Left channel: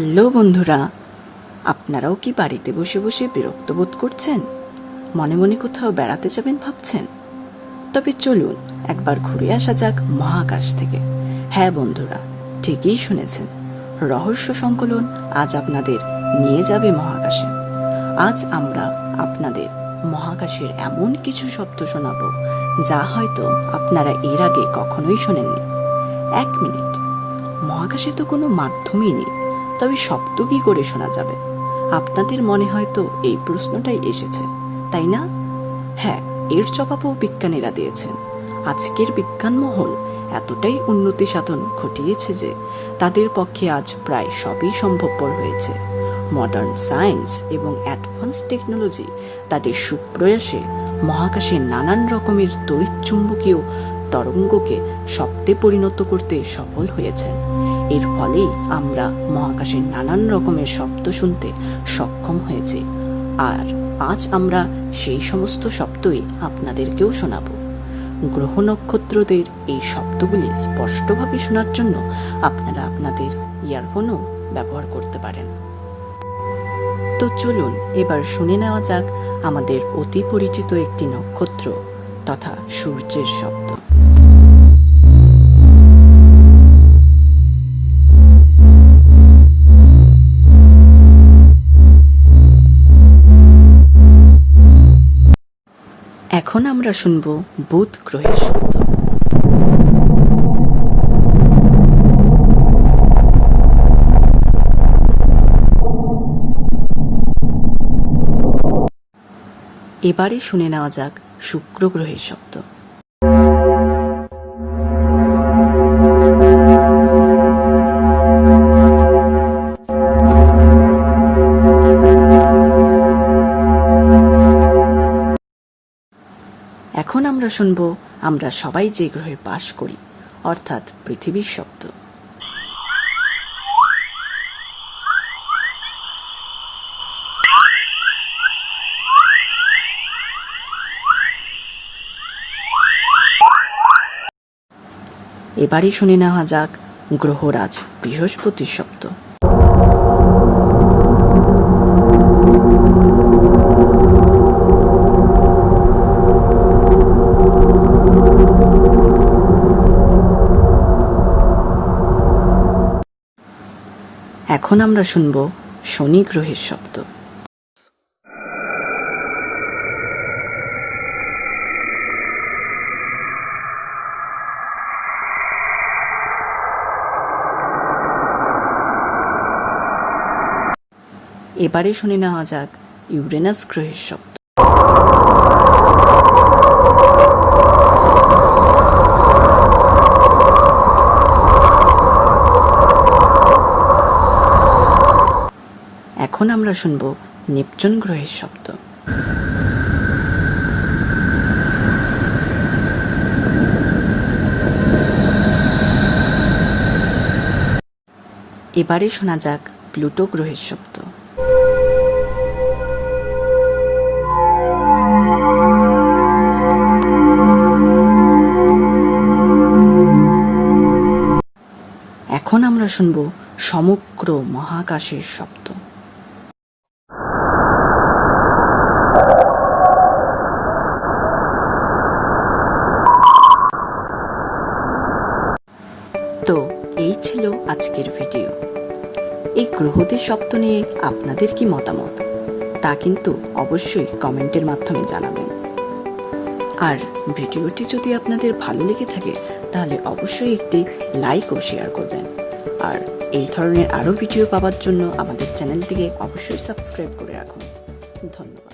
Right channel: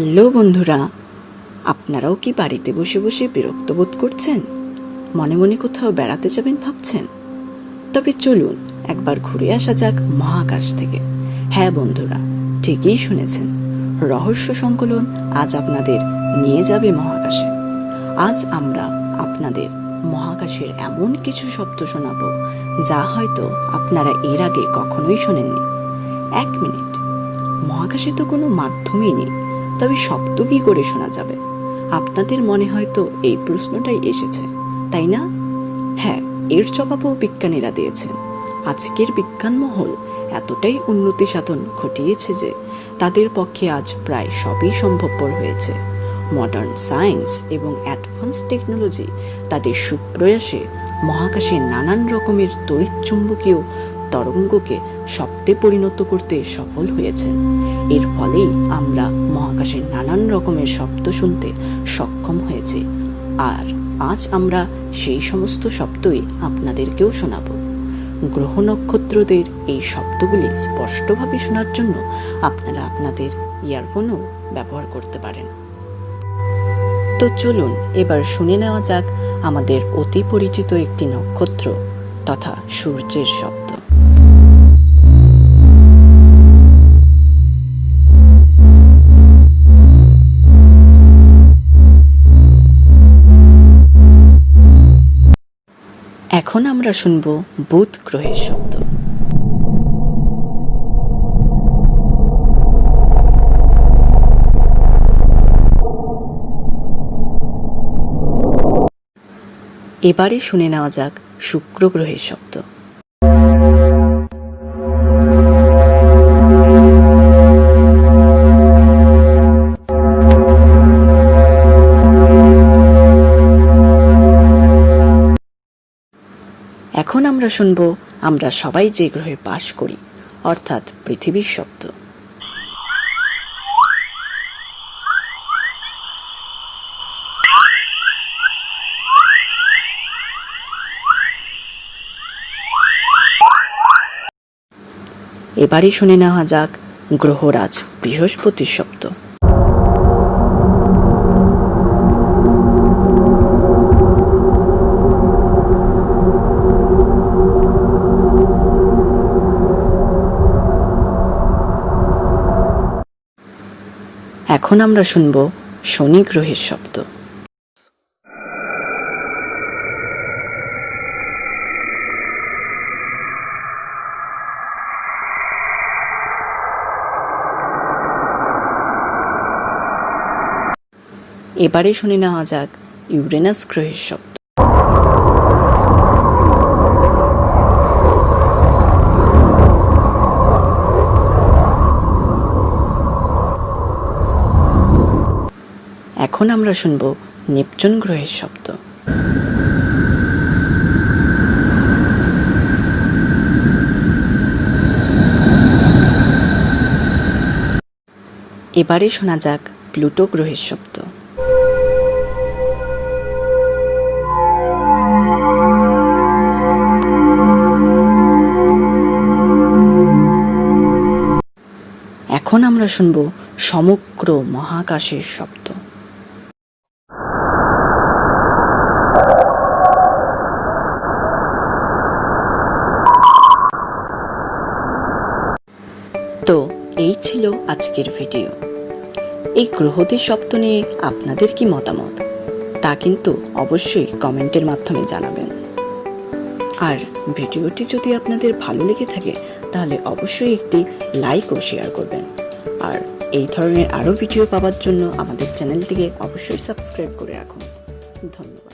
Hello বন্ধুরা, আপনারাও কি বাড়িতে বসে বসে বিরক্ত বোধ করছেন? মনে মনে কোথাও বেড়াতে যাবেন ভাবছেন? তবে চলুন একবার ঘুরে আসা যাক মহাকাশ থেকে। হ্যাঁ বন্ধুরা, ঠিকই শুনেছেন, রহস্য সংকলন আজ আপনাদের নিয়ে যাবে মহাকাশে। আজ আমরা আপনাদের মহাকাশের এমন কিছু শব্দ শোনাবো যা হয়তো আপনারা এর আগে কখনোই শোনেননি। 1 মিনিট, মহাকাশে তো কোনো মাধ্যমই নেই, তবে শব্দ কি করে শোনা যাবে? আপনাদের মনে হয়তো এই প্রশ্নটাই এসেছে, তাই না? হ্যাঁ, এর জবাবও বিজ্ঞানীরা দিয়েছেন। আজকের বিজ্ঞান মহল এতটাই উন্নতি সাধন ঘটিয়েছে যে তাদের পক্ষে আজ প্রায় সবই সম্ভবপর হয়েছে। মডার্ন সায়েন্স এবং অ্যাডভান্স টেকনোলজি তাদের সুপ্রয়াসে মহাকাশের নানান রকমের তড়িৎচুম্বকীয় তরঙ্গকে শব্দে পরিণত করতে সফল হয়েছেন। এর ফলেই আমরা মহাকাশের নানান রকমের শব্দ শুনতে সক্ষম হয়েছে। আর আজ আমরা সেই সমস্ত শব্দই আপনাদেরকেও শোনাব। গ্রহ নক্ষত্রদের এই শব্দগুলি স্পষ্টভাবে শোনার জন্য আপনারা আপনাদের ইয়ারফোনও ব্যবহার করতে পারেন। তো চলুন এবার শুনে নেওয়া যাক আমাদের অতি পরিচিত একটি নক্ষত্র তথা সূর্যের শব্দ। এখন আমরা শুনব বুধ গ্রহের শব্দ। এবারে শুনে নেওয়া যাক শুক্র গ্রহের শব্দ। এখন আমরা শুনব আমরা সবাই যে গ্রহে বাস করি অর্থাৎ পৃথিবীর শব্দ। এবারে শুনে নেওয়া যাক গ্রহরাজ বৃহস্পতির শব্দ। এখন আমরা শুনব শনি গ্রহের শব্দ। এবারে শুনে নেওয়া যাক ইউরেনাস গ্রহের শব্দ। এখন আমরা শুনব নেপচুন গ্রহের শব্দ। এবারে শোনা যাক প্লুটো গ্রহের শব্দ। এখন আমরা শুনব সমগ্র মহাকাশের শব্দ। তো এই ছিল আজকের ভিডিও। এই গ্রহদের শব্দ নিয়ে আপনাদের কি মতামত তা কিন্তু অবশ্যই কমেন্টের মাধ্যমে জানাবেন। আর ভিডিওটি যদি আপনাদের ভালো লেগে থাকে তাহলে অবশ্যই একটি লাইক ও শেয়ার করবেন। আর এই ধরনের আরও ভিডিও পাওয়ার জন্য আমাদের চ্যানেলটিকে অবশ্যই সাবস্ক্রাইব করে রাখুন। ধন্যবাদ।